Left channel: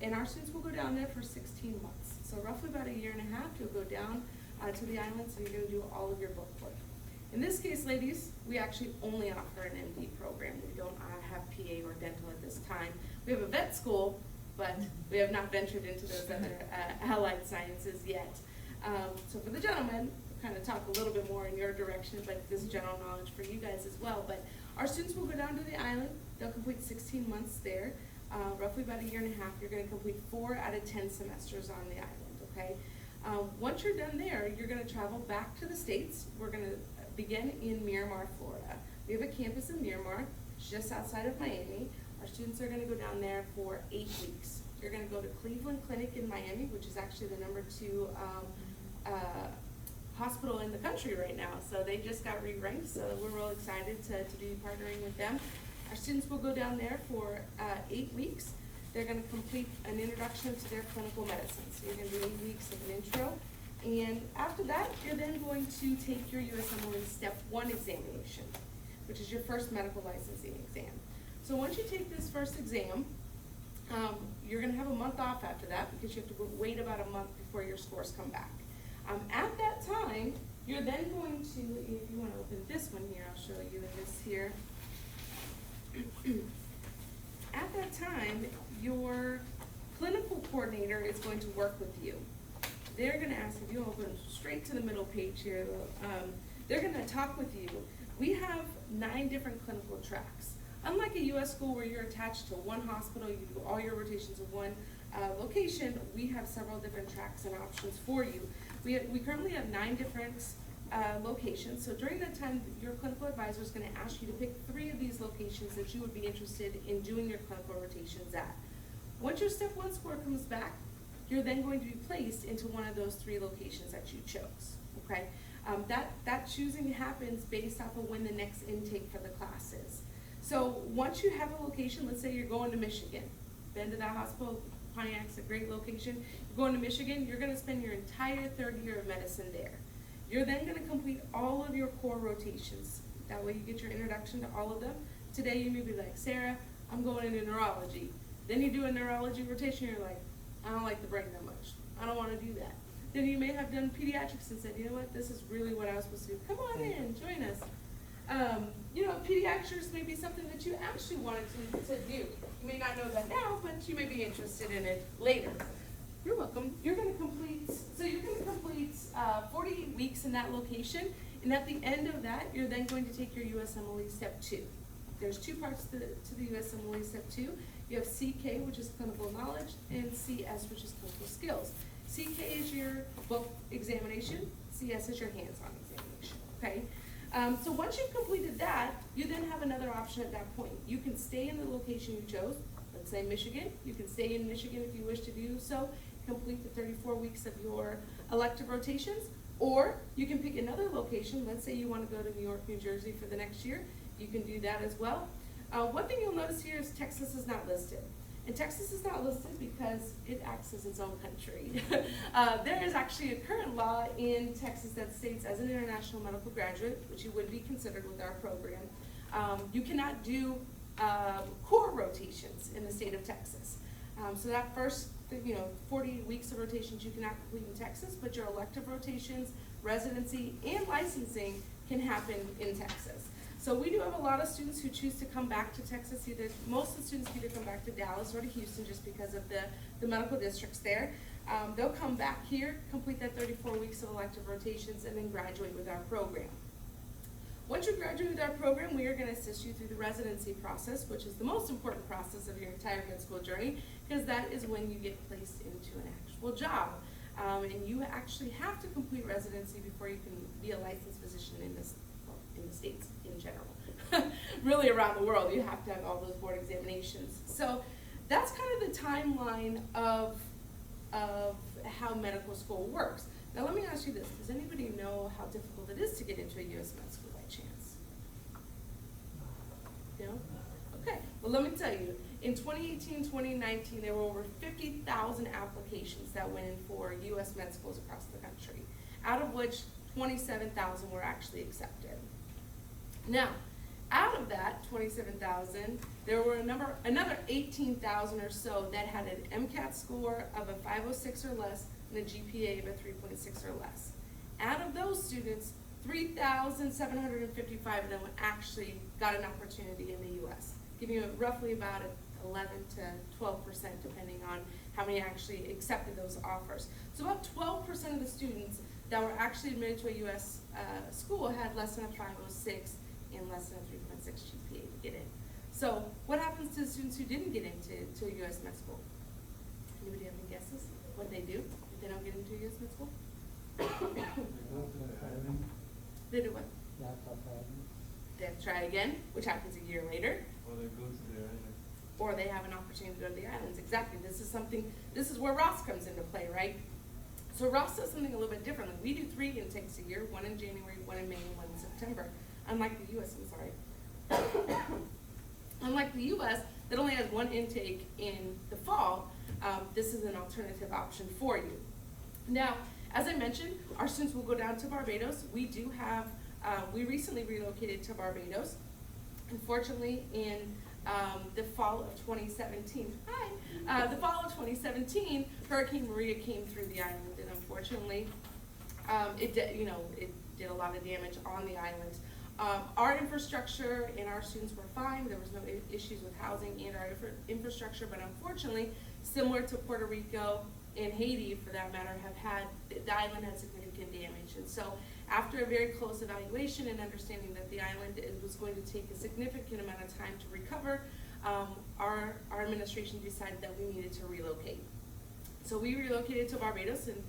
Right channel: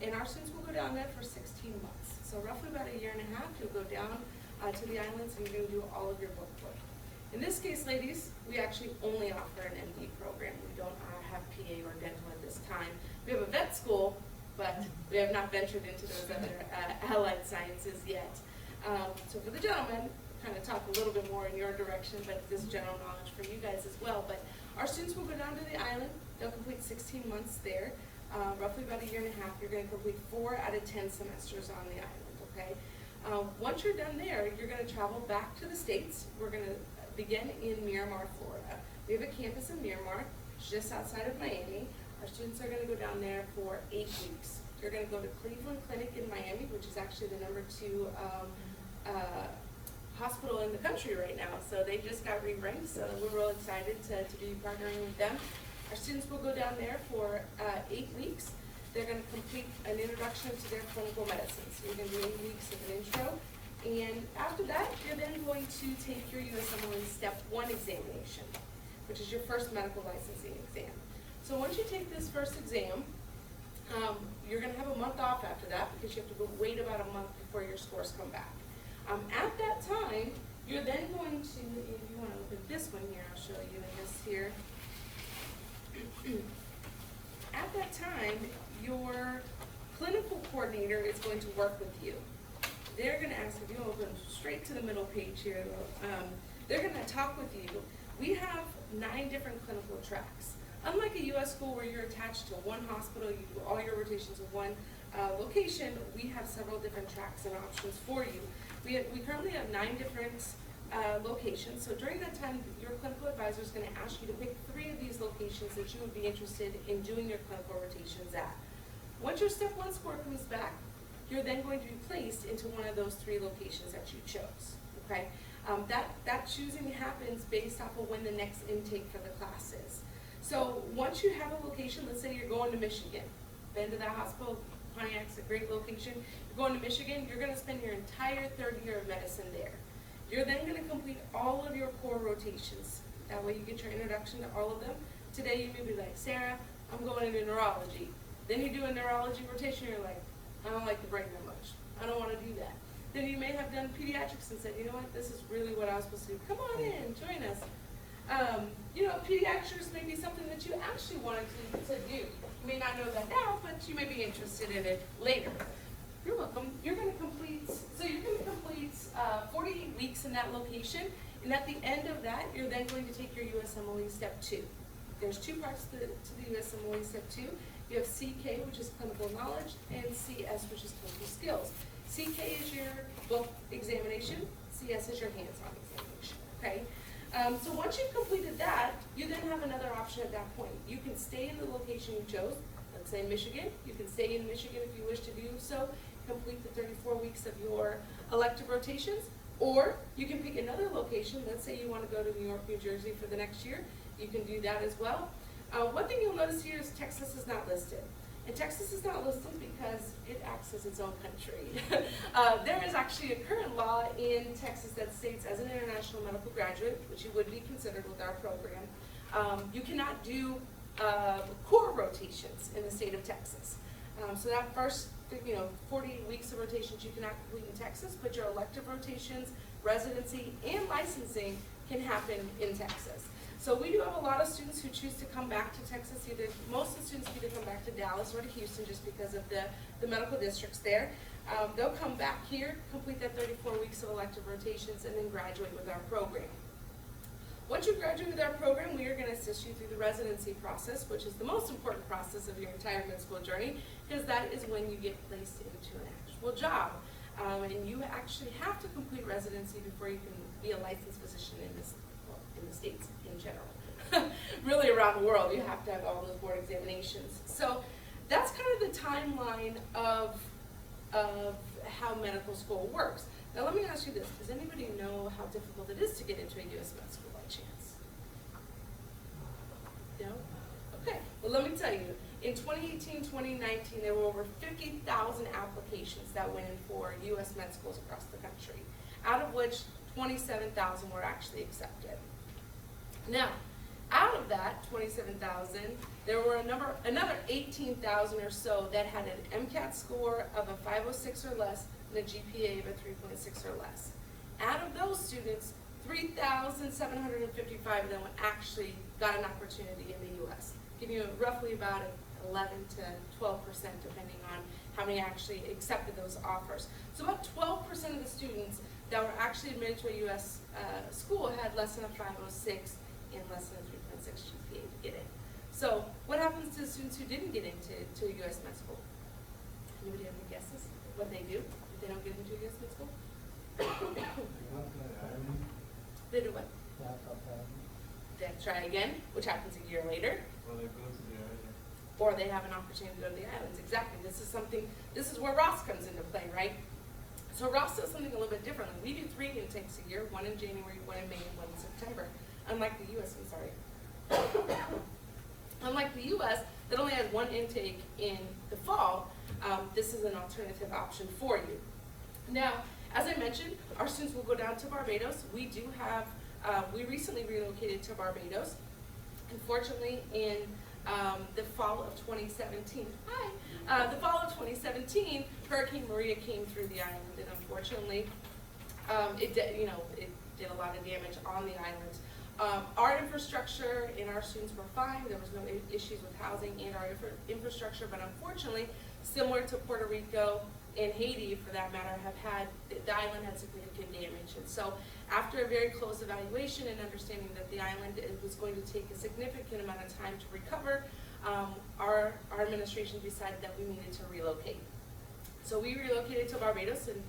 And our students will go down there for 16 months. So roughly about a year and a half, you'll go down to the islands and you're going to do all of your book work. In this case, ladies, we actually only offer an MD program. We don't have PA or dental at this time. We have a vet school, but we have not ventured into those other allied sciences yet. So for the gentlemen, kind of talk a little bit more in your direction, but this is general knowledge for you guys as well. But our students will go down to the island. They'll complete 16 months there, roughly about a year and a half. You're going to complete 4 out of 10 semesters on the island, okay? Once you're done there, you're going to travel back to the States. We're going to begin in Miramar, Florida. We have a campus in Miramar, just outside of Miami. Our students are going to go down there for 8 weeks. You're going to go to Cleveland Clinic in Miami, which is actually the #2 hospital in the country right now. So they just got re-ranked, so we're real excited to be partnering with them. Our students will go down there for 8 weeks. They're going to complete an introduction to their clinical medicine. So you're going to do 8 weeks of an intro. And after that, you're then going to take your USMLE Step 1 examination, which is your first medical licensing exam. So once you take this first exam, you're going to have a month off after that because you have to wait about a month before your scores come back. At that time, you're then going to, if you want to open this one here, I'll show you this here. At that time, your clinical coordinator is going to work with you. They're going to ask, if you open straight to the middle page here, they're going to talk with you. We have 9 different clinical tracks. Unlike a U.S. school where you're attached to one hospital, you do all your rotations in one location, we have several different tracks and options for you. We currently have 9 different locations, so during that time, your clinical advisor is going to ask you to pick 3 of these locations that you would be interested in doing your clinical rotations at. Once your Step 1 score comes back, you're then going to be placed into one of those 3 locations that you chose, okay? That choosing happens based off of when the next intake for the class is. So once you have a location, let's say you're going to Michigan, been to that hospital, Pontiac's a great location, you're going to Michigan, you're going to spend your entire 3rd year of medicine there. You're then going to complete all of your core rotations. That way you get your introduction to all of them. Today you may be like, Sarah, I'm going into neurology. Then you do a neurology rotation, you're like, I don't like the brain that much. I don't want to do that. Then you may have done pediatrics and said, you know what, this is really what I was supposed to do. Come on in, join us. You know, pediatrics may be something that you actually wanted to do. You may not know that now, but you may be interested in it later. You're welcome. You're going to complete, 48 weeks in that location, and at the end of that, you're then going to take your USMLE Step 2. There's 2 parts to the USMLE Step 2. You have CK, which is clinical knowledge, and CS, which is clinical skills. CK is your book examination, CS is your hands-on examination, okay? So once you've completed that, you then have another option at that point. You can stay in the location you chose, let's say Michigan. You can stay in Michigan if you wish to do so, complete the 34 weeks of your elective rotations, or you can pick another location. Let's say you want to go to New York, New Jersey for the next year. You can do that as well. One thing you'll notice here is Texas is not listed. And Texas is not listed because it acts as its own country. There is actually a current law in Texas that states as an international medical graduate, which you would be considered with our program, you cannot do core rotations in the state of Texas. So that first 48 weeks of rotations you cannot complete in Texas, but your elective rotations, residency, and licensing can happen in Texas. So we do have a lot of students who choose to come back to Texas. Most of the students either come back to Dallas or to Houston just because of the medical districts there. They'll come back here, complete that 34 weeks of elective rotations, and then graduate with our program. Once you graduate with our program, we are going to assist you through the residency process, which is the most important process of your entire med school journey, because that is when you get placed into an actual job. And you actually have to complete residency before you can be a licensed physician in the States in general. Really around the world, you have to have all those board examinations. So that's kind of the timeline of how medical school works. Now let me ask you this, does anybody know how difficult it is to get into a U.S. med school by chance? No? Okay, well let me tell you, in 2018-2019, there were over 50,000 applications that went in for U.S. med schools across the country, out of which 27,000 were actually accepted. Now, Out of that 27,000, there were another 18,000 or so that had an MCAT score of a 506 or less and a GPA of a 3.6 or less. Out of those students, 3,755 of them actually got an opportunity in the U.S., giving you roughly about 11 to 12%, depending on how many actually accepted those offers. So about 12% of the students that were actually admitted to a U.S. School had less than a 506 and less than a 3.6 GPA to get in. So what happens to the students who didn't get into a U.S. med school? Anybody have any guesses what they do if they don't get into a U.S. med school? They do what? They try again, which happens a year later. Or they go to the island. Or they have an opportunity to go to the islands. Exactly. This is where Ross comes into play, right? So Ross does something a little bit different. We do 3 intakes a year, 1 in January, 1 in May, and 1 in September. Unlike the US, I'm sorry. Unlike the US, that only has 1 intake in the fall, this is an alternative option for you. Now, as I mentioned, our students will go down to Barbados. We do have, we recently relocated to Barbados. Unfortunately, in the fall of 2017, the fall of 2017, Hurricane Maria came through the island, and unfortunately, it did a lot of damage on the island. Our infrastructure and our students were fine. There was no issues with housing and our infrastructure, but unfortunately, similar to Puerto Rico and Haiti, for that matter, the island had significant damage. And so after a very close evaluation and understanding that the island was going to take a significant amount of time to recover, our administration decided that we needed to relocate. So we relocated to Barbados in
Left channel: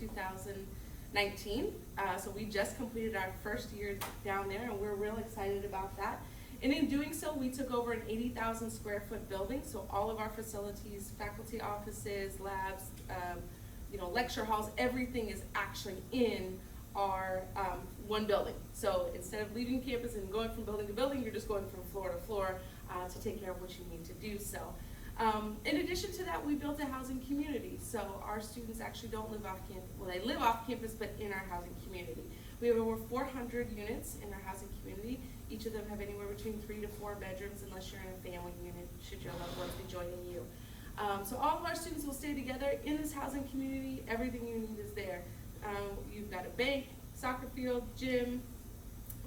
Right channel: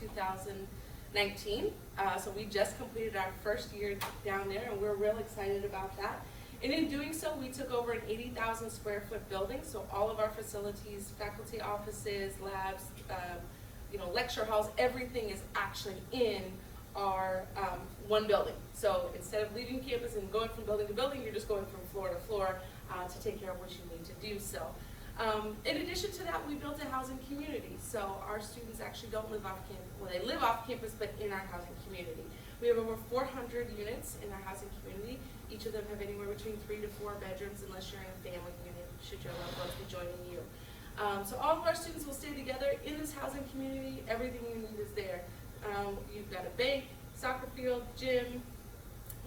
2019. So we just completed our first year down there, and we're real excited about that. And in doing so, we took over an 80,000 square foot building. So all of our facilities, faculty offices, labs, lecture halls, everything is actually in our one building. So instead of leaving campus and going from building to building, you're just going from floor to floor to take care of what you need to do so. In addition to that, we built a housing community. So our students actually don't live off campus. Well, they live off campus, but in our housing community. We have over 400 units in our housing community. Each of them have anywhere between 3 to 4 bedrooms, unless you're in a family unit, should your loved ones be joining you. So all of our students will stay together in this housing community. Everything you need is there. You've got a bank, soccer field, gym,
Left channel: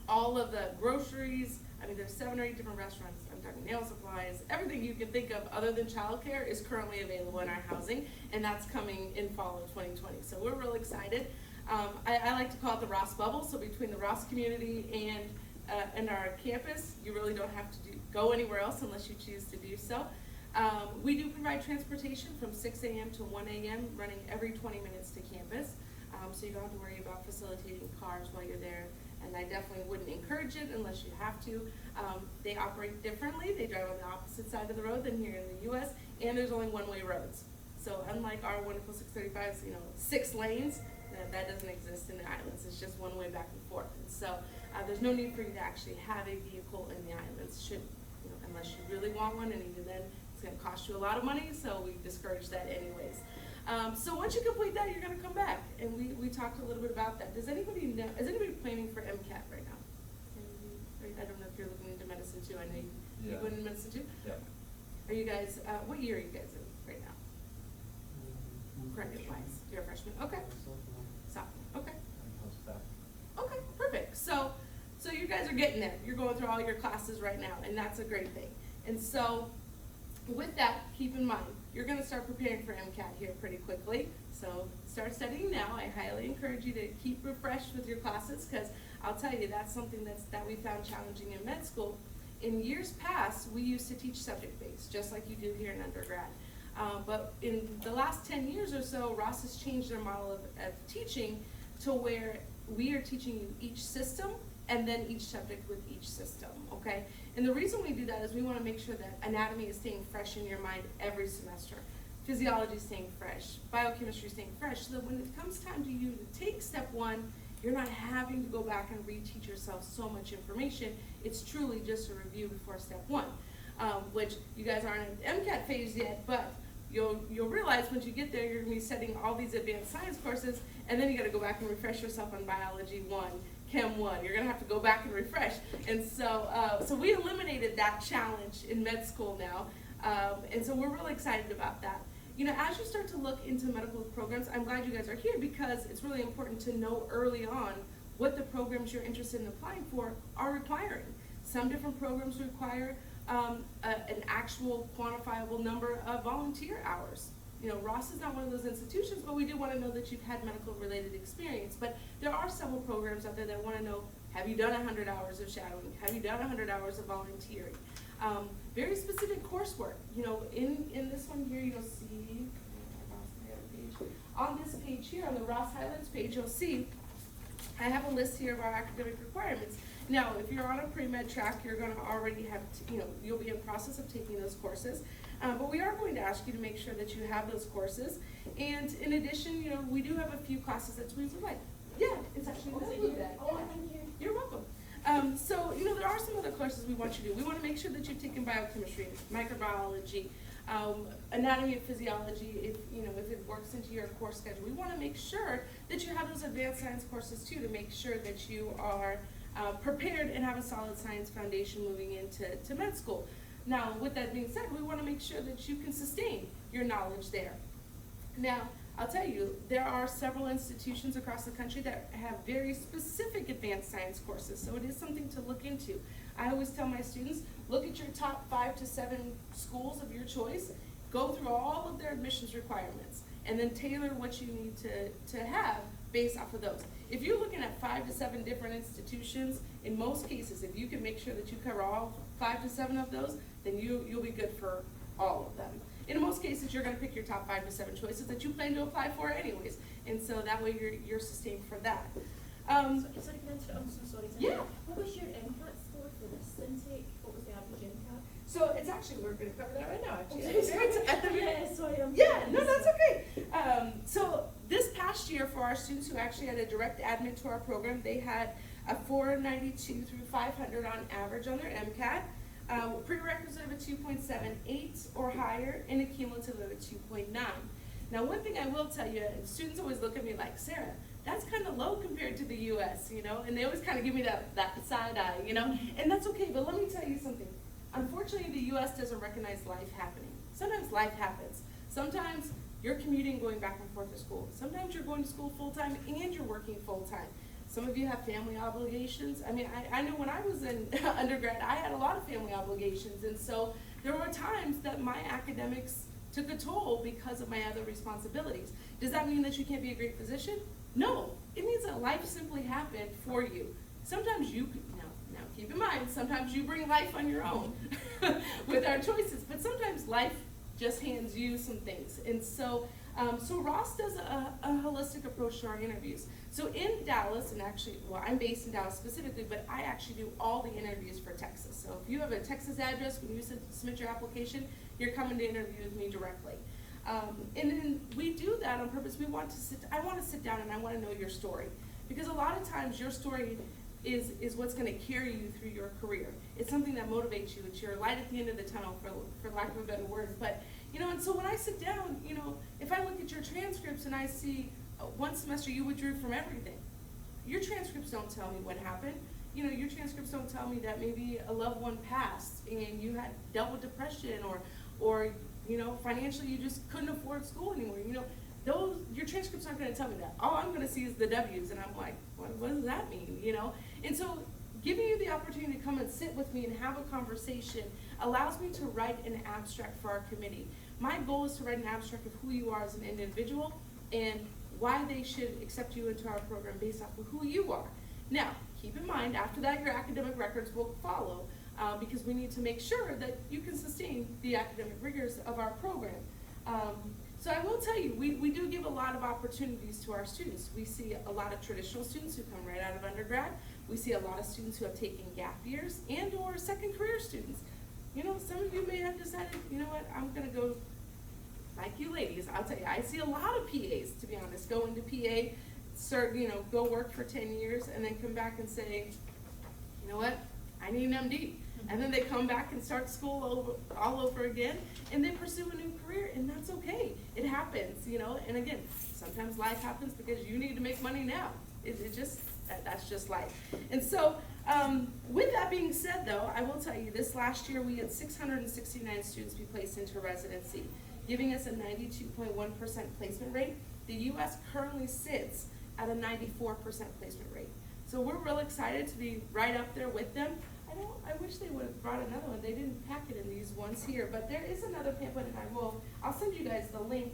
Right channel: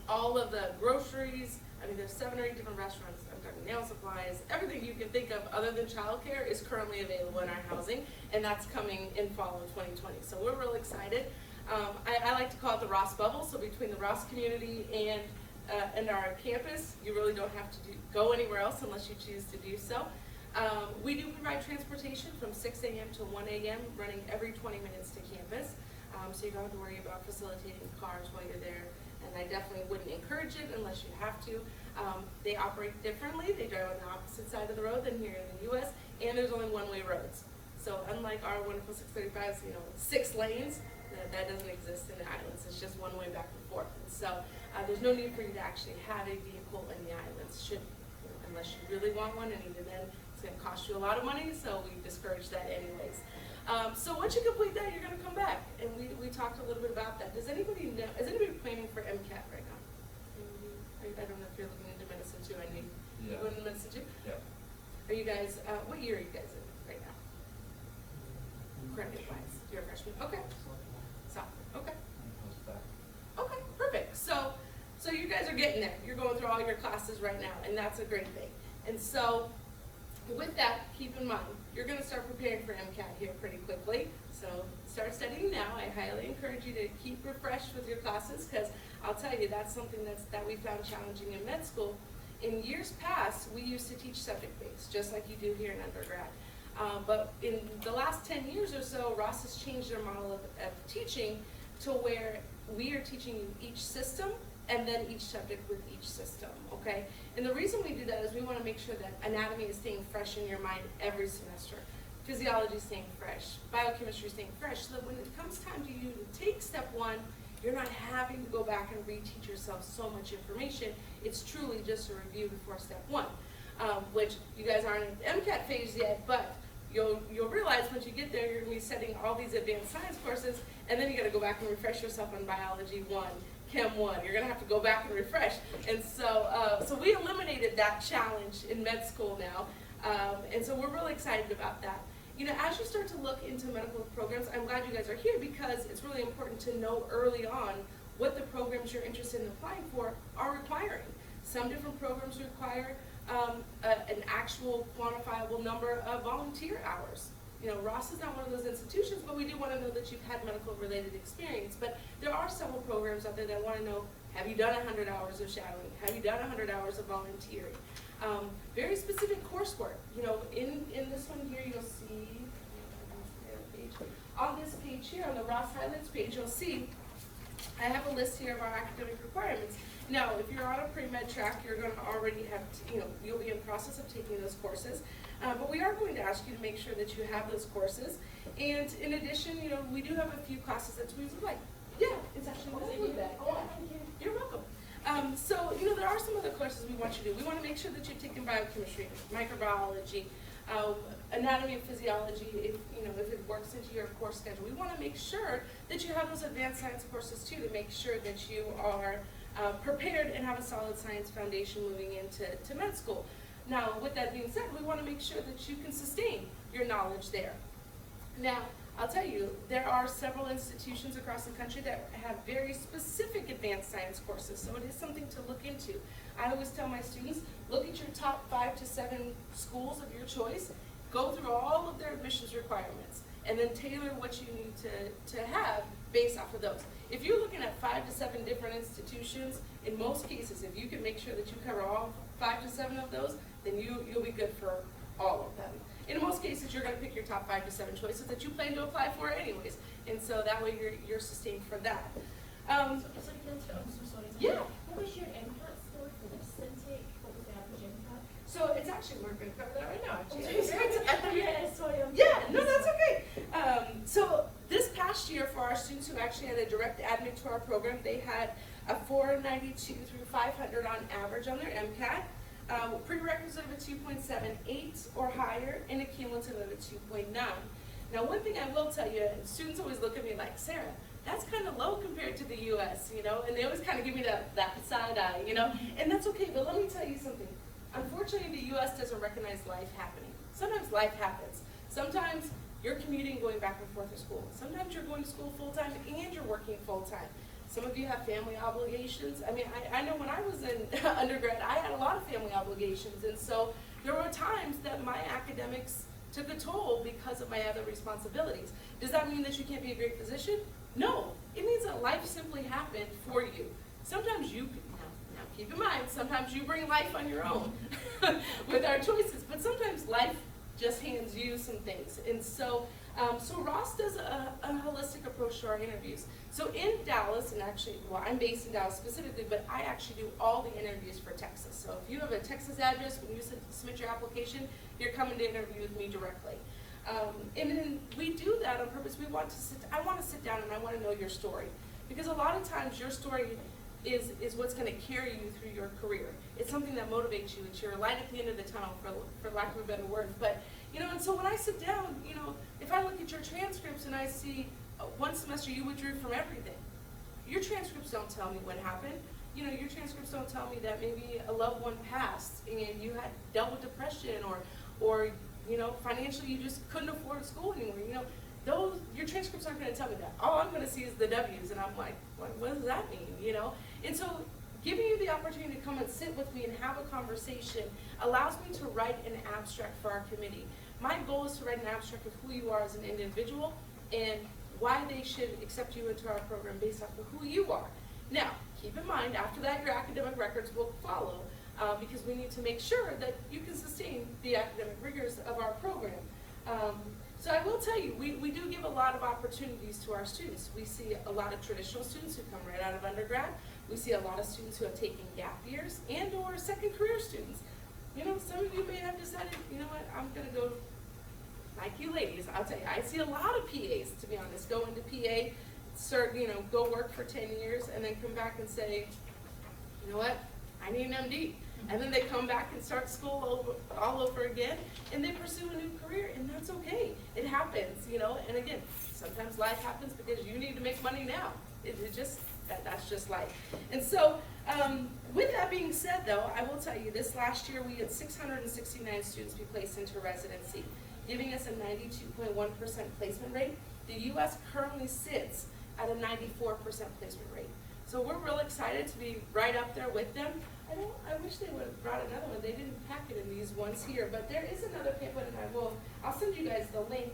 all of the groceries. I mean, there's 7 or 8 different restaurants. I'm talking nail supplies. Everything you can think of other than childcare is currently available in our housing, and that's coming in fall of 2020. So we're real excited. I like to call it the Ross bubble. So between the Ross community and our campus, you really don't have to go anywhere else unless you choose to do so. We do provide transportation from 6 a.m. to 1 a.m. running every 20 minutes to campus. So you don't have to worry about facilitating cars while you're there. And I definitely wouldn't encourage it unless you have to. They operate differently. They drive on the opposite side of the road than here in the U.S. And there's only one-way roads. So unlike our wonderful 635s, 6 lanes, that doesn't exist in the islands. It's just one way back and forth. And so there's no need for you to actually have a vehicle in the islands, unless you really want one, and even then it's going to cost you a lot of money, so we discourage that anyways. So once you complete that, you're going to come back, and we talked a little bit about that. Is anybody planning for MCAT right now? I don't know if you're looking into medicine too. I know you're going into medicine too? Yeah. Are you guys, what year are you guys in right now? Credit-wise, you're a freshman? Okay. Okay. Okay, perfect. So you guys are getting there. You're going through all your classes right now, and that's a great thing. And so with that, keep in mind, you're going to start preparing for MCAT here pretty quickly. So start studying now. I highly encourage you to keep refreshed with your classes, because I'll tell you, that's something that we found challenging in med school. In years past, we used to teach subject-based, just like you do here in undergrad. But in the last 10 years or so, Ross has changed their model of teaching to where we are teaching you each system and then each subject with each system, okay? And the reason we do that is we want to make sure that anatomy is staying fresh in your mind every semester. Physiology is staying fresh, biochemistry is staying fresh, so that when it comes time to you to take step 1, you're not having to go back and reteach yourself so much information. It's truly just a review before step 1, which you guys aren't in the MCAT phase yet, but you'll realize once you get there, you're going to be studying all these advanced science courses, and then you got to go back and refresh yourself on biology 1, Chem 1. You're going to have to go back and refresh. And so, so we eliminated that challenge in med school now. And so we're really excited about that. You know, as you start to look into medical programs, I'm glad you guys are here because it's really important to know early on what the programs you're interested in applying for are requiring. Some different programs require an actual quantifiable number of volunteer hours. You know, Ross is not one of those institutions, but we do want to know that you've had medical related experience. But there are several programs out there that want to know, have you done 100 hours of shadowing? Have you done 100 hours of volunteering? Very specific coursework. You know, in this one here, you'll see, on this page here, on the Ross Highlands page, you'll see I have a list here of our academic requirements. Now, if you're on a pre-med track, you're going to already have, you'll be in process of taking those courses. But we are going to ask you to make sure that you have those courses. And in addition, we do have a few classes that we would like. Yeah, it's actually included that. Oh, thank you. You're welcome. So, there are some other courses we want you to do. We want to make sure that you're taking biochemistry, microbiology, anatomy and physiology, if it works into your course schedule. We want to make sure that you have those advanced science courses too, to make sure that you are prepared and have a solid science foundation moving into med school. Now, with that being said, we want to make sure that you can sustain your knowledge there. Now, I'll tell you, there are several institutions across the country that have very specific advanced science courses, so it is something to look into. I always tell my students, look at your top 5 to 7 schools of your choice, go through all of their admissions requirements, and then tailor what you need to have based off of those. If you're looking at 5 to 7 different institutions, in most cases, if you can make sure that you cover all 5 to 7 of those, then you'll be good for all of them. In most cases, you're going to pick your top 5 to 7 choices that you plan to apply for anyways, and so that way you're sustained for that. Yeah. What was your MCAT score for this intake? What was the average MCAT? So it's actually, we're going to cover that right now, actually. No, that's okay. So this past year, for our students who actually had a direct admit to our program, they had a 492 through 500 on average on their MCAT. Prerequisite of a 2.78 or higher, and a cumulative of a 2.9. Now, one thing I will tell you, and students always look at me like, Sarah, that's kind of low compared to the U.S., and they always kind of give me that side eye, and that's okay, but let me tell you something. Unfortunately, the U.S. doesn't recognize life happening. Sometimes life happens. Sometimes you're commuting, going back and forth to school. Sometimes you're going to school full-time and you're working full-time. Some of you have family obligations. I mean, I know when I was in undergrad, I had a lot of family obligations, and so there were times that my academics took a toll because of my other responsibilities. Does that mean that you can't be a great physician? No, it means that life simply happened for you. Sometimes now keep in mind, sometimes you bring life on your own with our choices, but sometimes life just hands you some things. And so, so Ross does a holistic approach to our interviews. So in Dallas, and actually, well, I'm based in Dallas specifically, but I actually do all the interviews for Texas. So if you have a Texas address, when you submit your application, you're coming to interview with me directly. And then we do that on purpose. I want to sit down and I want to know your story. Because a lot of times your story is what's going to carry you through your career. It's something that motivates you. It's your light at the end of the tunnel, for lack of a better word. But, and so when I sit down, if I look at your transcripts and I see one semester you withdrew from everything, your transcripts don't tell me what happened. Your transcripts don't tell me that maybe a loved one passed and you had dealt with depression or financially you just couldn't afford school anymore. Your transcripts aren't going to tell me that. All I'm going to see is the W's, and I'm like, what does that mean? And so giving you the opportunity to come and sit with me and have a conversation allows me to write an abstract for our committee. My goal is to write an abstract of who you are as an individual and why they should accept you into our program based off of who you are. Now, keep in mind, after that, your academic records will follow because we need to make sure that you can sustain the academic rigors of our program. So I will tell you, we do give a lot of opportunities to our students. We see a lot of traditional students who come right out of undergrad. We see a lot of students who have taken gap years and or second career students. Some of you may have decided, I'm going to go, like you ladies, I'll tell you, I see a lot of PAs, to be honest, go into PA, go work for 10 years, and then come back and say, you know what, I need an MD. And then they come back and start school all over again, and they pursue a new career, and that's okay. It happens, and again, sometimes life happens because you need to make money now. It just That's just life. And so, with that being said though, I will tell you this last year we had 669 students be placed into residency, giving us a 92.1% placement rate. The U.S. currently sits at a 94% placement rate. So we're real excited to be right up there with them. I wish they would have brought another one. They didn't pack it in these ones here, but there is another pamphlet, and I'll send you guys the link.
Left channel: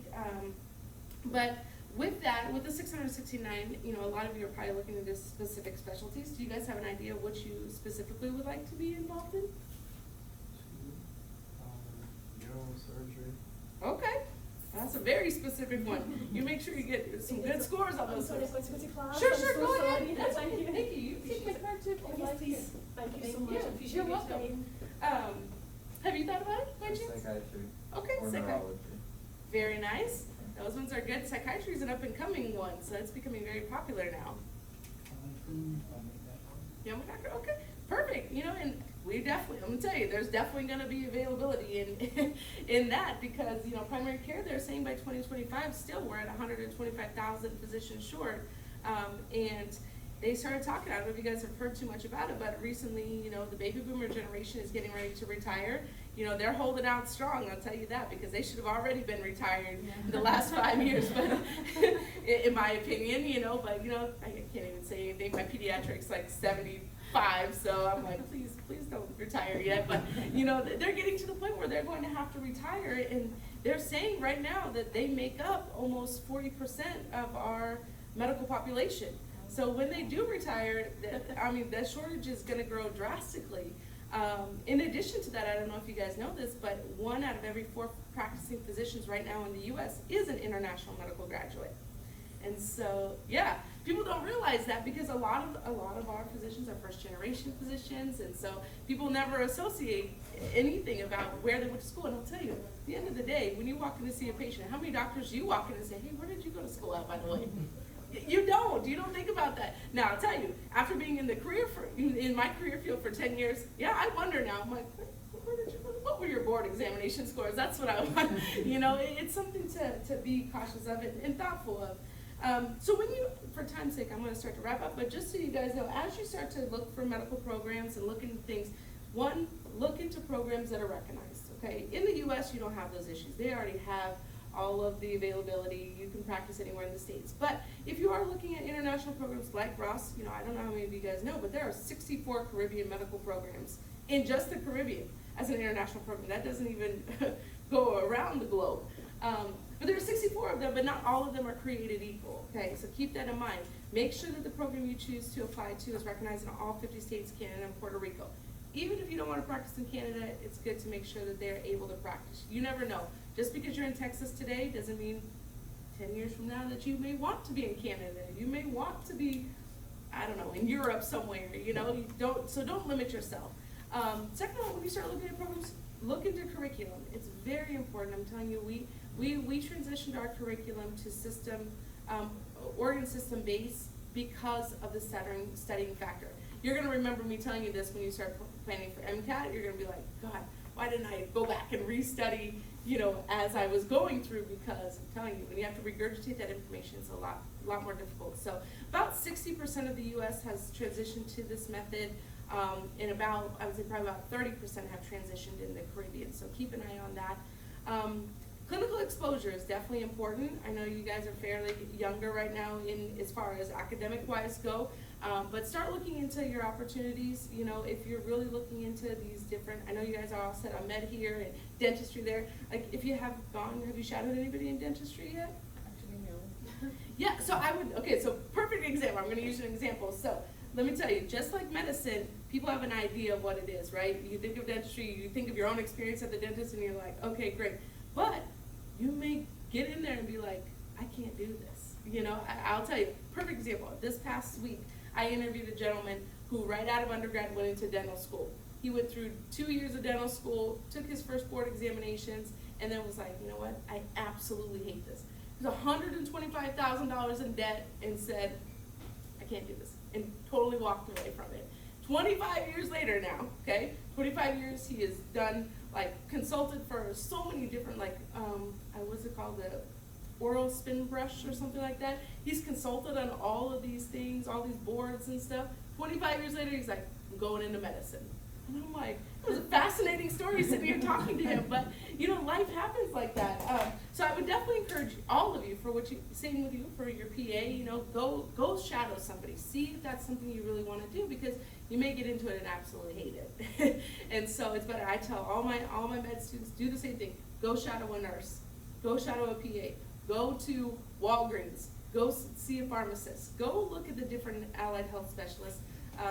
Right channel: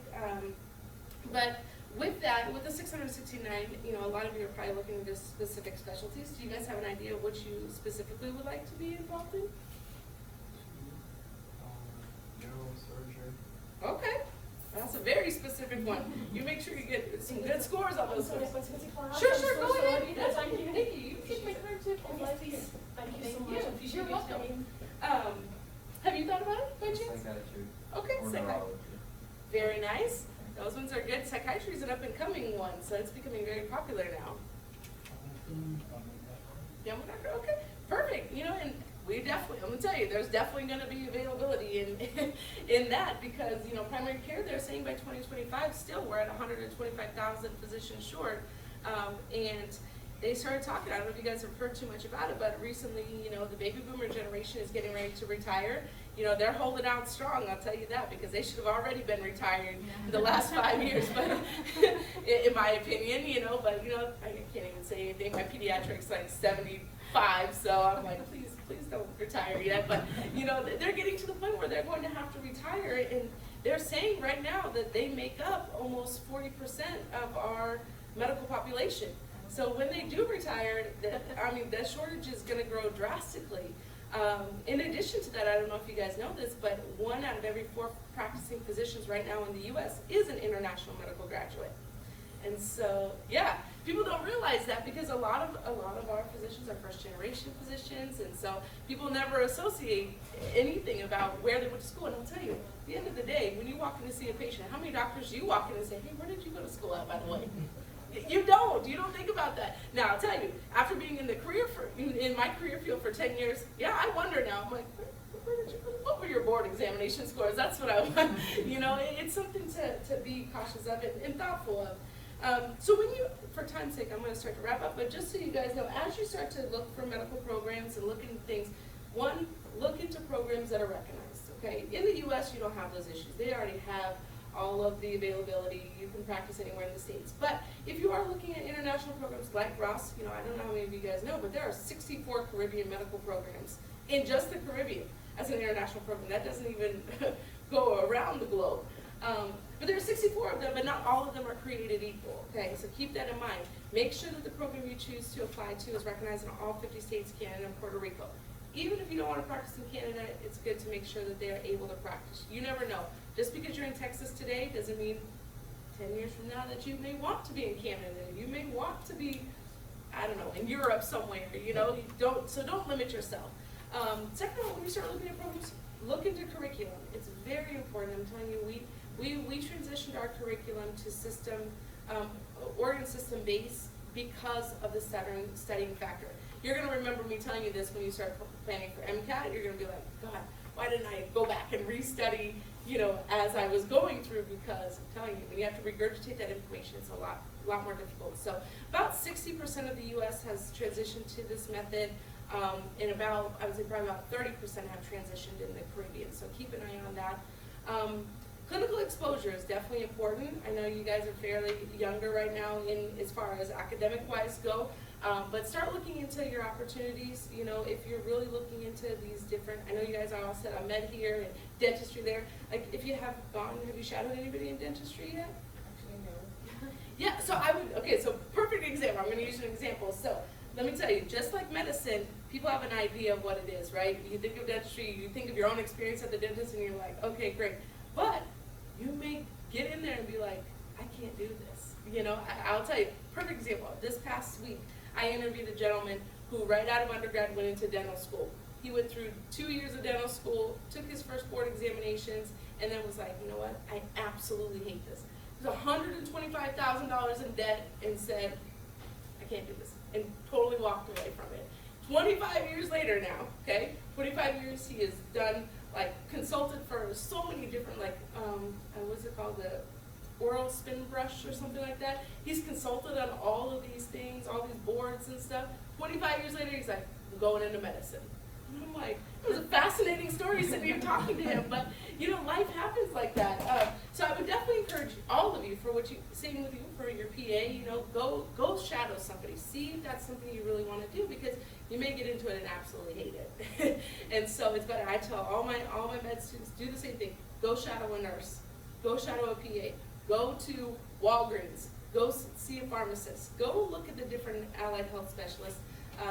But with that, with the 669, you know, a lot of you are probably looking into specific specialties. Do you guys have an idea of which you specifically would like to be involved in? Neurosurgery. Okay, that's a very specific one. You make sure you get some good scores on those ones. Sure, go ahead. Yes, thank you. You take my card too. Oh, yes, please. Thank you so much. you. Appreciate You're your welcome. time. Have you thought about it by chance? Psychiatry. Okay, Or psychiatry. neurology. Very nice. Those ones are good. Psychiatry is an up and coming one, so it's becoming very popular now. Yeah, okay, perfect. You know, and we definitely, I'm gonna tell you, there's definitely gonna be availability in in that, because, you know, primary care, they're saying by 2025, still we're at 125,000 physicians short. And they started talking, I don't know if you guys have heard too much about it, but recently, you know, the baby boomer generation is getting ready to retire. You know, they're holding out strong, I'll tell you that, because they should have already been retired in the last 5 years, but in my opinion, you know, but, you know, I can't even say anything. My pediatric's like 75, so I'm like, please don't retire yet. But, you know, they're getting to the point where they're going to have to retire, and they're saying right now that they make up almost 40% of our medical population. So when they do retire, the shortage is going to grow drastically. In addition to that, I don't know if you guys know this, but 1 out of every 4 practicing physicians right now in the U.S. is an international medical graduate. And so, yeah, people don't realize that, because a lot of our physicians are first-generation physicians, and so people never associate anything about where they went to school. And I'll tell you, at the end of the day, when you walk in to see a patient, how many doctors do you walk in and say, hey, where did you go to school at, by the way? You don't think about that. Now, I'll tell you, after being in the in my career field for 10 years, yeah, I wonder now. I'm like, what were your board examination scores? That's what I want. You know, it's something to be cautious of and thoughtful of. So when you, for time's sake, I'm going to start to wrap up, but just so you guys know, as you start to look for medical programs and look into things, one, look into programs that are recognized, okay? In the U.S., you don't have those issues. They already have all of the availability. You can practice anywhere in the States. But if you are looking at international programs like Ross, you know, I don't know how many of you guys know, but there are 64 Caribbean medical programs in just the Caribbean as an international program. That doesn't even go around the globe. But there are 64 of them, but not all of them are created equal, okay? So keep that in mind. Make sure that the program you choose to apply to is recognized in all 50 states, Canada, and Puerto Rico. Even if you don't want to practice in Canada, it's good to make sure that they're able to practice. You never know. Just because you're in Texas today doesn't mean 10 years from now that you may want to be in Canada. You may want to be, I don't know, in Europe somewhere, you know. Don't limit yourself. Second of all, when you start looking at programs, look into curriculum. It's very important. I'm telling you, we transitioned our curriculum to Oregon system based because of the studying factor. You're going to remember me telling you this when you start planning for MCAT. You're going to be like, God, why didn't I go back and restudy, you know, as I was going through? Because I'm telling you, when you have to regurgitate that information, it's a lot more difficult. So about 60% of the U.S. has transitioned to this method, and I would say probably about 30% have transitioned in the Caribbean. So keep an eye on that. Clinical exposure is definitely important. I know you guys are fairly younger right now as far as academic-wise go. But start looking into your opportunities. You know, if you're really looking into these different, I know you guys are all set on med here and dentistry there. Like, if you have you shadowed anybody in dentistry yet? Actually, no. Yeah, so so perfect example. I'm going to use an example. So let me tell you, just like medicine, people have an idea of what it is, right? You think of dentistry, you think of your own experience at the dentist, and you're like, okay, great. But you may get in there and be like, I can't do this. You know, I'll tell you, perfect example. This past week, I interviewed a gentleman who right out of undergrad went into dental school. He went through 2 years of dental school, took his first board examinations, and then was like, you know what, I absolutely hate this. He was $125,000 in debt and said, I can't do this, and totally walked away from it. 25 years later now, okay, 25 years he has done, like, consulted for so many different, like, what's it called, oral spin brush or something like that. He's consulted on all of these things, all these boards and stuff. 25 years later, he's like, I'm going into medicine. And I'm like, it was a fascinating story sitting here talking to him, but you know, life happens like that. So I would definitely encourage all of you for what you, same with you for your PA, you know, go shadow somebody. See if that's something you really want to do, because you may get into it and absolutely hate it. And so it's better. I tell all my med students, do the same thing. Go shadow a nurse. Go shadow a PA. Go to Walgreens. Go see a pharmacist. Go look at the different allied health specialists.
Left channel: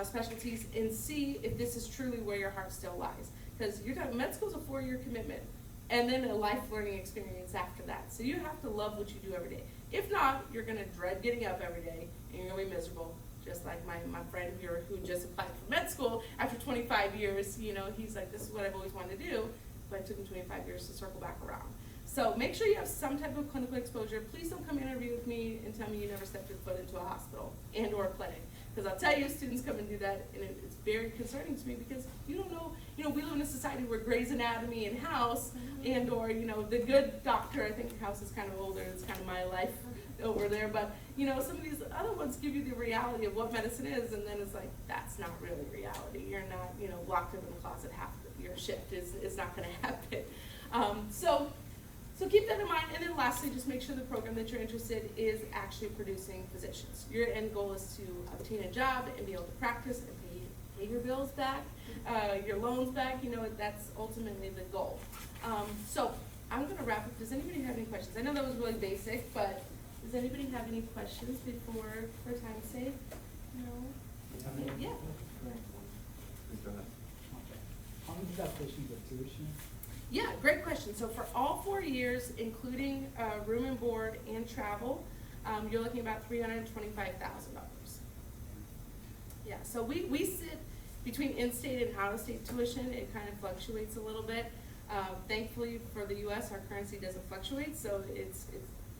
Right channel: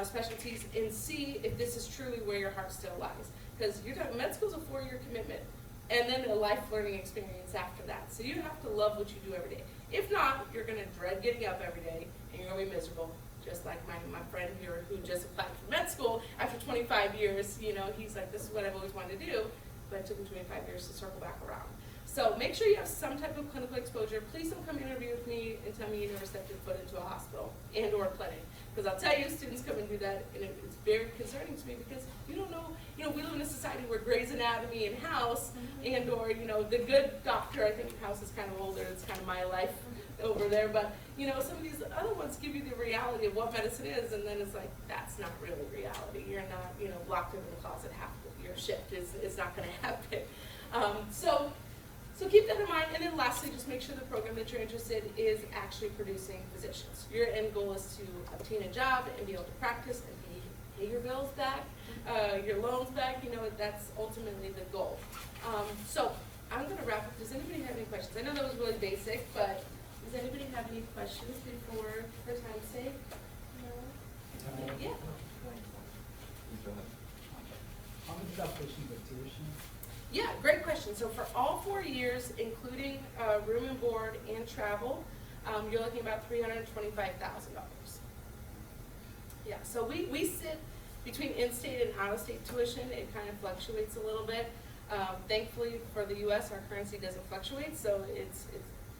Specialties, and see if this is truly where your heart still lies. Because med school is a 4-year commitment, and then a life learning experience after that. So you have to love what you do every day. If not, you're gonna dread getting up every day, and you're gonna be miserable. Just like my friend here who just applied for med school after 25 years, you know, he's like, this is what I've always wanted to do, but it took him 25 years to circle back around. So make sure you have some type of clinical exposure. Please don't come interview with me and tell me you never stepped your foot into a hospital and or a clinic. Because I'll tell you, students come and do that, and it's very concerning to me, because you don't know, you know, we live in a society where Grey's Anatomy and House and or, you know, the good doctor, I think House is kind of older, it's kind of my life over there, but, you know, some of these other ones give you the reality of what medicine is, and then it's like, that's not really reality. You're not, you know, locked up in the closet half of your shift is not going to happen. So keep that in mind, and then lastly, just make sure the program that you're interested in is actually producing physicians. Your end goal is to obtain a job and be able to practice and pay your bills back, your loans back. You know, that's ultimately the goal. So I'm going to wrap up. Does anybody have any questions? I know that was really basic, but does anybody have any questions before, for time's sake? No? Yeah. How much is that portion of tuition? Yeah, great question. So for all 4 years, including room and board and travel, you're looking about $325,000. Yeah, so we sit between in-state and out-of-state tuition. It kind of fluctuates a little bit. Thankfully for the U.S., our currency doesn't fluctuate, so it's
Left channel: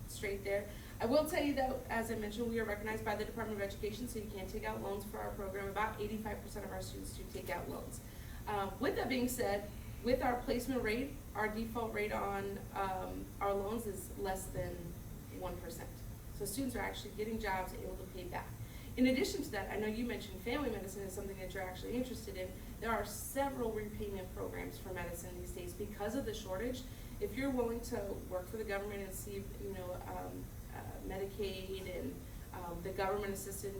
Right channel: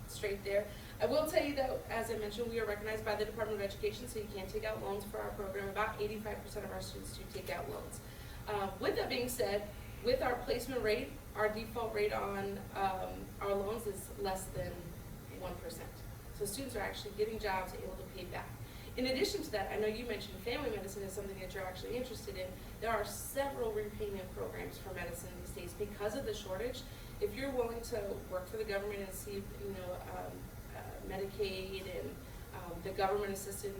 straight there. I will tell you that, as I mentioned, we are recognized by the Department of Education, so you can take out loans for our program. About 85% of our students do take out loans. With that being said, with our placement rate, our default rate on our loans is less than 1%. So students are actually getting jobs able to pay back. In addition to that, I know you mentioned family medicine is something that you're actually interested in. There are several repayment programs for medicine these days because of the shortage. If you're willing to work for the government and see, you know, Medicaid and the government assisted,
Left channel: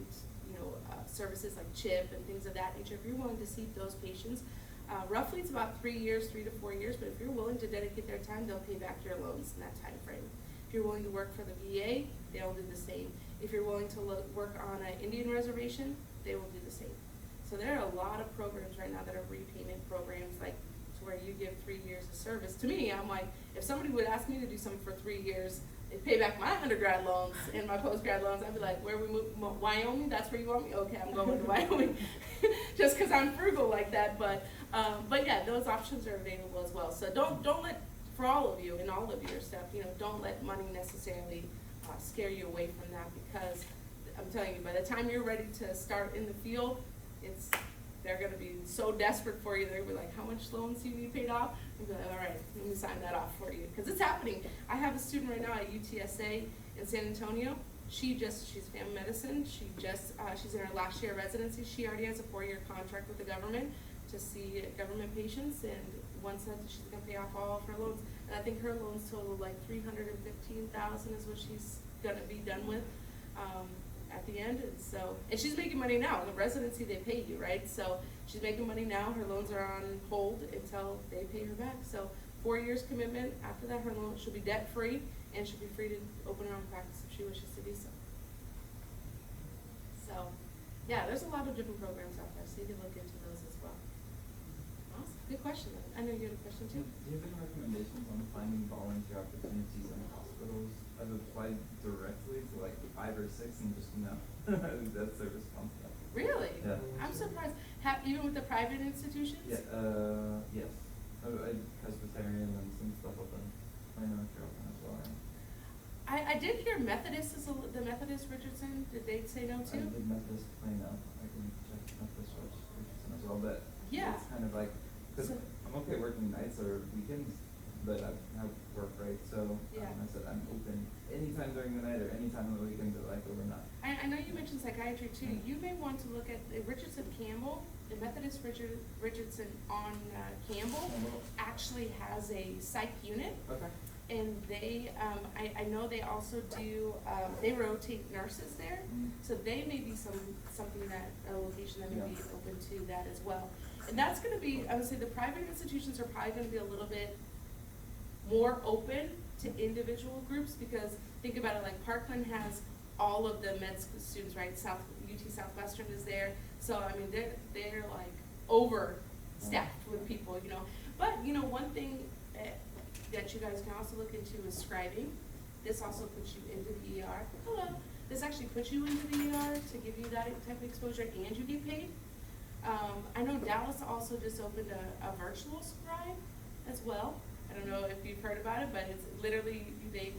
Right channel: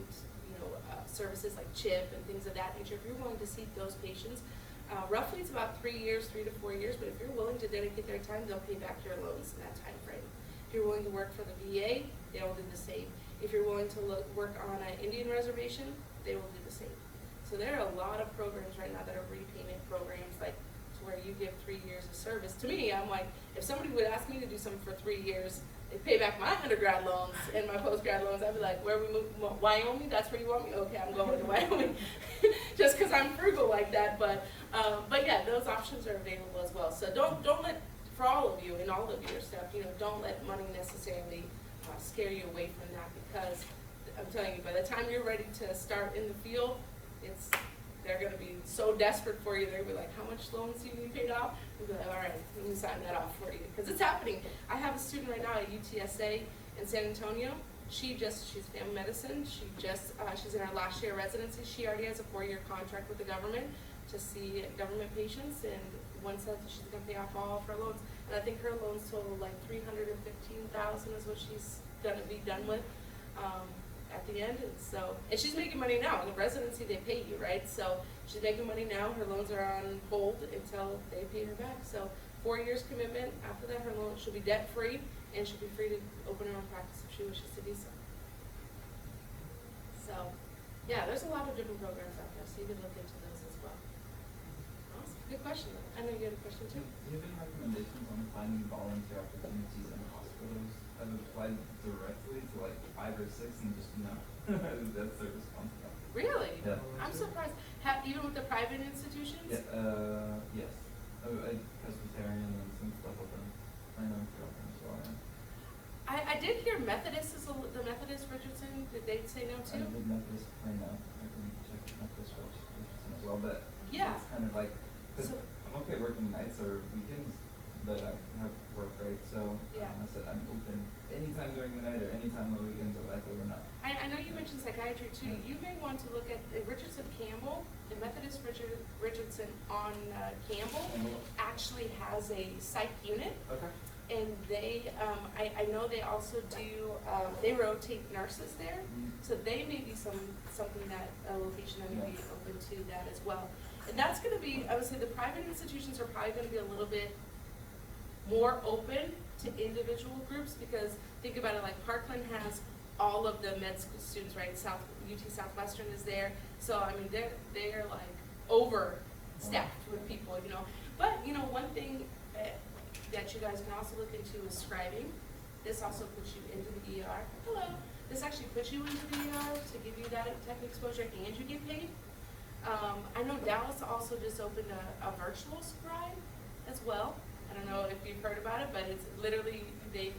you know, services like CHIP and things of that nature, if you're willing to see those patients, roughly it's about 3 years, 3 to 4 years, but if you're willing to dedicate their time, they'll pay back your loans in that time frame. If you're willing to work for the VA, they will do the same. If you're willing to work on an Indian reservation, they will do the same. So there are a lot of programs right now that are repayment programs, like to where you give 3 years of service. To me, I'm like, if somebody would ask me to do something for 3 years, they pay back my undergrad loans and my postgrad loans, I'd be like, where we move, Wyoming? That's where you want me? Okay, I'm going to Wyoming. Just because I'm frugal like that, but yeah, those options are available as well. So don't let, for all of you and all of your stuff, you know, don't let money necessarily scare you away from that, because I'm telling you, by the time you're ready to start in the field, they're going to be so desperate for you. They're going to be like, how much loans do you need paid off? You'll be like, all right, let me sign that off for you. Because it's happening. I have a student right now at UTSA in San Antonio. She's family medicine. She's in her last year of residency. She already has a 4-year contract with the government to see government patients, and one said that she's going to pay off all of her loans. And I think her loans total like $315,000 is what she's going to be done with at the end. And she's making money now. In the residency, they pay you, right? So she's making money now. Her loans are on hold until they pay her back. So 4 years commitment. After that, her loan, she'll be debt free, and she'll be free to open her own practice if she wishes to do so. So, yeah, there's a lot of different programs out there, so you can look into those as well. Awesome. Good question. I know you had a question too. Do you have any recommendations on finding volunteer opportunities in hospitals? I've applied directly to like 5 or 6 and just no. That service comes up. Really? Yeah. I'm surprised. Even with the private institutions? Yeah, yes. I Presbyterian and some stuff like that. I know if you're open as well. I did hear Methodist the Methodist Richardson. Did they say no I too? did Methodist right now. I can check Methodist Richardson as well, but Yeah. it's kind of like, because So- I'm okay working nights or weekends, but I have work, right? So, Yeah. I said I'm open anytime during the night or anytime on the weekends or like overnight. I know you mentioned psychiatry too. You may want to look at Richardson Campbell, the Methodist Richardson on Campbell actually has a psych unit. Okay. And they, I know they also do, they rotate nurses there. So they may be something that, a location that may be open to that as well. And that's gonna be, I would say the private institutions are probably gonna be a little bit more open to individual groups, because think about it, like Parkland has all of the med school students, right? UT Southwestern is there. So, I mean, they're like overstaffed with people, you know. But, you know, one thing that you guys can also look into is scribing. This also puts you into the ER. Hello. This actually puts you into the ER to give you that type of exposure, and you get paid. I know Dallas also just opened a virtual scribe as well. I don't know if you've heard about it, but it's literally the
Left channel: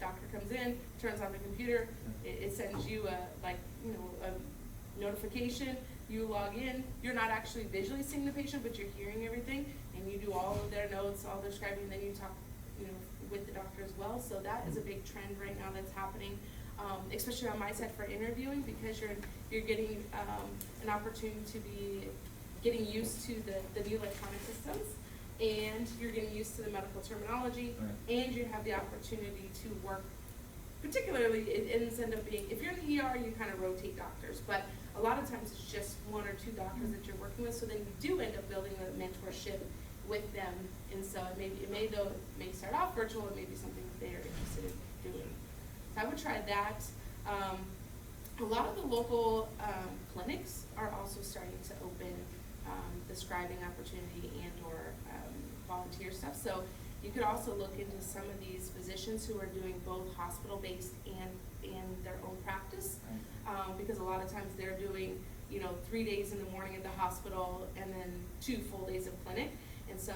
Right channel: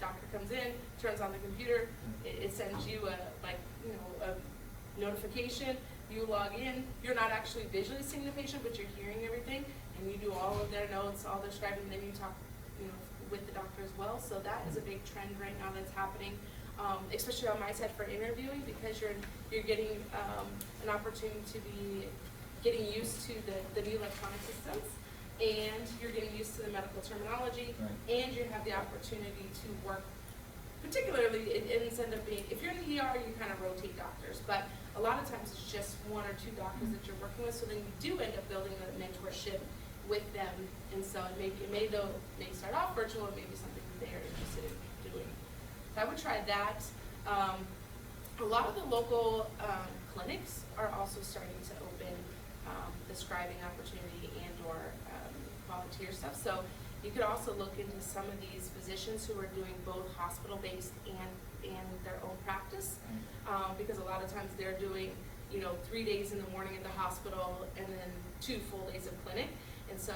doctor comes in, turns on the computer, it sends you a notification, you log in, you're not actually visually seeing the patient, but you're hearing everything, and you do all of their notes, all their scribing, then you talk, with the doctor as well. So that is a big trend right now that's happening, especially on my side for interviewing, because you're getting an opportunity to be getting used to the new electronic systems, and you're getting used to the medical terminology, Right. and you have the opportunity to work. Particularly, it ends up being, if you're in the ER, you kind of rotate doctors, but a lot of times it's just one or two doctors that you're working with, so then you do end up building a mentorship with them, and so it may start off virtual, it may be something that they are interested in doing. So I would try that. A lot of the local clinics are also starting to open the scribing opportunity and or volunteer stuff. So you could also look into some of these physicians who are doing both hospital-based and their own practice, because a lot of times they're doing 3 days in the morning in the hospital and then 2 full days of clinic, and so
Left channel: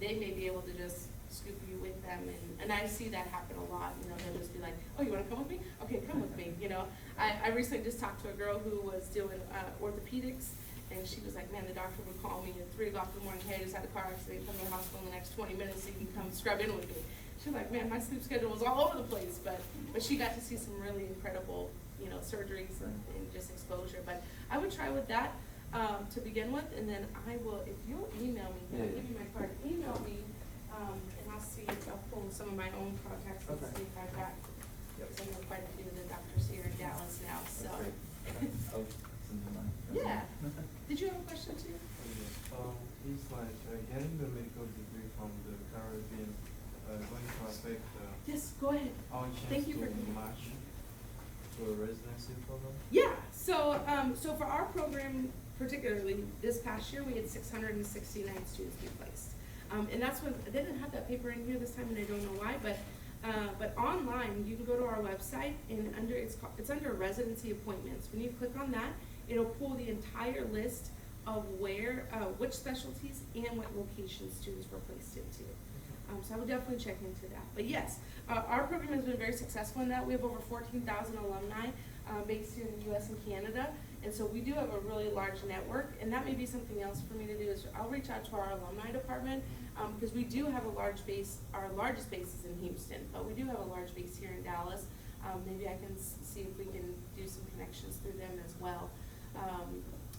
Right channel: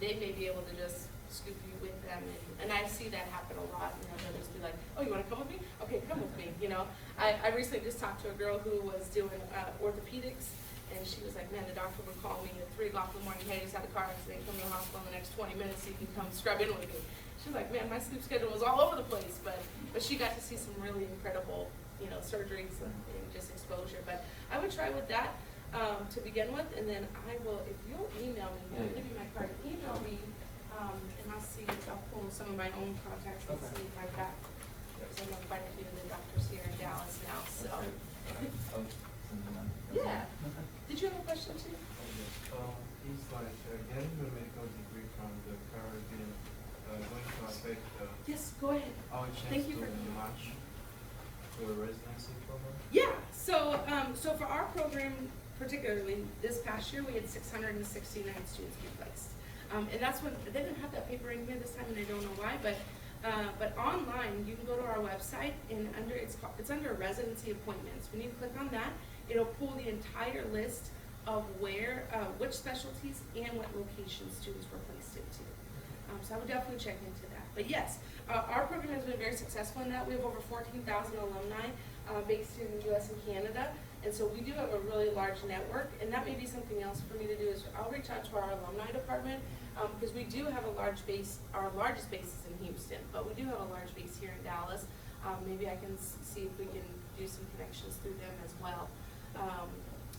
they may be able to just scoop you with them, and I see that happen a lot. They'll just be like, oh, you want to come with me? Okay, come with me. I recently just talked to a girl who was doing orthopedics, and she was like, man, the doctor would call me at 3 o'clock in the morning, hey, I just had a car accident, come to the hospital in the next 20 minutes so you can come scrub in with me. She was like, man, my sleep schedule was all over the place, but she got to see some really incredible, surgeries and just exposure. But I would try with that to begin with, and then I will, if you'll email me, I'll give you my card, email me, and I'll see, I'll pull some of my own contacts and see if I got, because I know quite a few of the doctors here in Dallas now, so. Yeah. Did you have a question too? It's like getting the medical degree from the Caribbean going to affect Yes, go ahead. our Thank chance you to for- match to a residency program? Yeah, so for our program particularly, this past year, we had 669 students be placed. And that's when, they didn't have that paper in here this time, and I don't know why, but online, you can go to our website, and it's under residency appointments. When you click on that, it'll pull the entire list of which specialties and what locations students were placed into. So I would definitely check into that. But yes, our program has been very successful in that. We have over 14,000 alumni based in the US and Canada. And so we do have a really large network, and that may be something else for me to do is I'll reach out to our alumni department, because we do have a large base. Our largest base is in Houston, but we do have a large base here in Dallas. Maybe I can see if we can do some connections through them as well.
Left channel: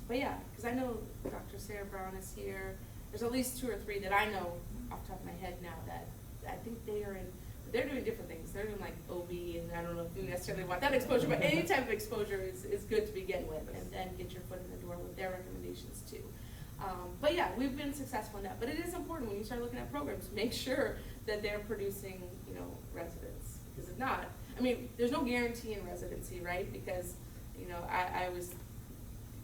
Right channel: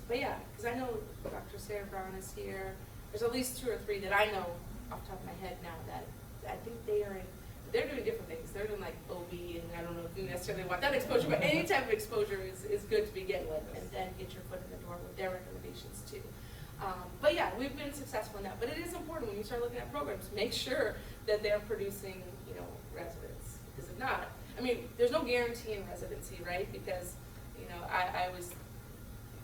But yeah, because I know Dr. Sarah Brown is here. There's at least 2 or 3 that I know off the top of my head now that I think they're doing different things. They're doing like OB, and I don't know if you necessarily want that exposure, but any type of exposure is good to begin with, and then get your foot in the door with their recommendations too. But yeah, we've been successful in that. But it is important when you start looking at programs, make sure that they're producing, residents. Because if not, I mean, there's no guarantee in residency, right? Because, I was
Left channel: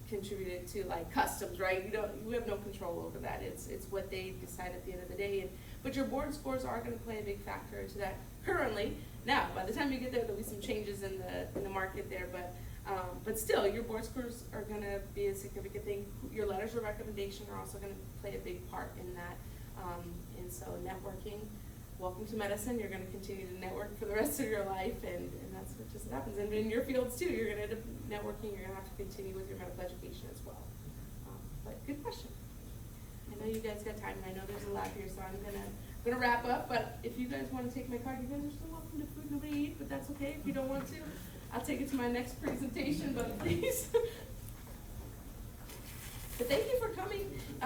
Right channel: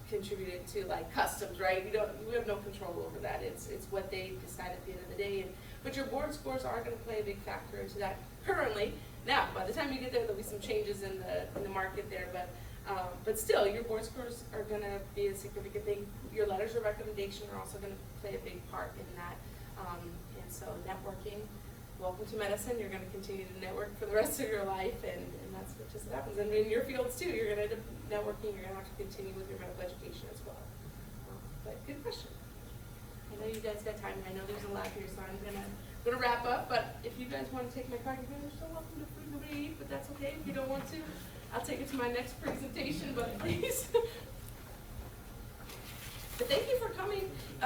contributed to like customs, right? We have no control over that. It's what they decide at the end of the day. But your board scores are going to play a big factor into that currently. Now, by the time you get there, there'll be some changes in the market there, but still, your board scores are going to be a significant thing. Your letters of recommendation are also going to play a big part in that. And so networking, welcome to medicine. You're going to continue to network for the rest of your life, and that's what just happens. And in your fields too, you're going to end up networking. You're going to have to continue with your medical education as well. But good question. I know you guys got time, and I know there's a lot here, so I'm gonna gonna wrap up, but if you guys wanna take my card, you guys are so welcome to Food Nobody Eat, but that's okay if you don't want to. I'll take it to my next presentation, but please. But thank you for coming.